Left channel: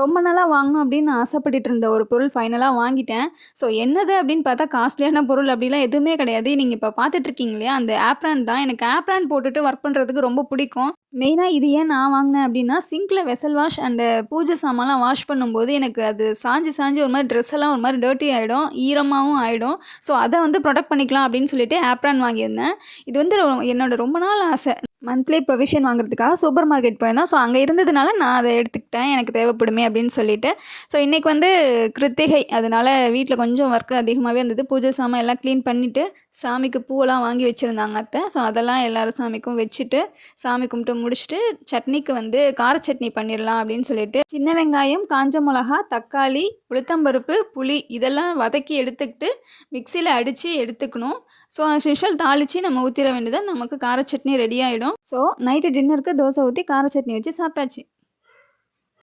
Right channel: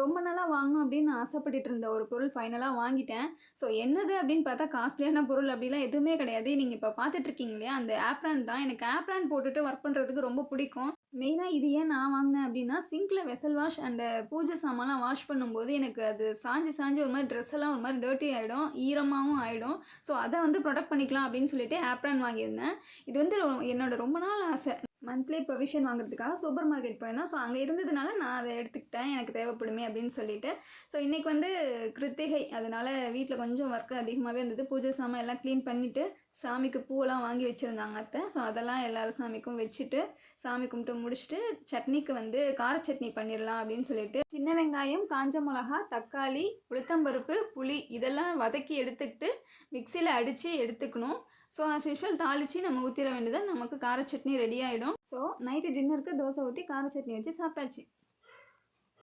ரொம்ப நாளா வாங்கணும் அப்படின்னு ஆசைப்பட்டுட்டு இருந்த ஒரு பொருள் ஃபைனலா வாங்கிட்டேன். ஸோ என்னது அப்படின்னு பார்த்தா காஸ்ட்லியான பொருள் அப்படிலாம் எதுவுமே கிடையாது. நீங்க இப்ப பார்த்துட்டு இருக்கீங்க இல்லையா? அந்த ஆப்ரான் தான். எனக்கு ஆப்ரான் போட்டுட்டு ஒர்க் பண்றதுக்கு ரொம்ப பிடிக்கும். மெயினா இது ஏன் நான் வாங்கினேன் அப்படின்னா, சிங்க்ல வெசல் வாஷ் அண்ட் பூஜை சாமான்லாம் வாஷ் பண்ணும்போது எனக்கு அது சாய்ஞ்சு சாய்ஞ்சு ஒரு மாரி ட்ரெஸ் எல்லாம் ஒரு மாரி டர்ட்டி ஆயிடும். ஈரமாவும் ஆயிடும். ஸோ அத வந்து புரொடெக்ட் பண்ணிக்கலாம் அப்படின்னு சொல்லிட்டு ஆப்ரான் வாங்கியிருந்தேன். இது வந்து என்னோட ரொம்ப நாள் ஆசை. மந்த்லி ப்ரொவிஷன் வாங்குறதுக்காக சூப்பர் மார்க்கெட் போயிருந்தோம். ஸோ அங்க இருந்ததுனால நான் அத எடுத்துக்கிட்டேன். எனக்கு தேவைப்படுமே அப்படின்னு சொல்லிட்டு. ஸோ இன்னைக்கு வந்து கிருத்திகை. அதனால வீட்ல கொஞ்சம் ஒர்க் அதிகமாவே இருந்தது. பூஜை சாமான் எல்லாம் கிளீன் பண்ணிட்டு, சாமிக்கு பூவெல்லாம் வாங்கி வச்சிருந்தாங்க அத்தை. ஸோ அதெல்லாம் எல்லாரும் சாமிக்கும் வச்சுட்டு, சாமி கும்பிட்டு முடிச்சுட்டு, சட்னிக்கு வந்து கார சட்னி பண்ணிடலாம் அப்படின்னு சொல்லிட்டு, சின்ன வெங்காயம், காஞ்ச மிளகா, தக்காளி, உளுத்தம்பருப்பு, புளி இதெல்லாம் வதக்கி எடுத்துக்கிட்டு, மிக்ஸியில அடிச்சு எடுத்துக்கணும். ஸோ ஆஸ் யூசுவல் தாளிச்சு நம்ம ஊத்திற வேண்டியது தான். நமக்கு கார சட்னி ரெடி ஆயிடும். ஸோ நைட்டு டின்னருக்கு தோசை ஊத்தி கார சட்னி வச்சு சாப்பிட்டாச்சு.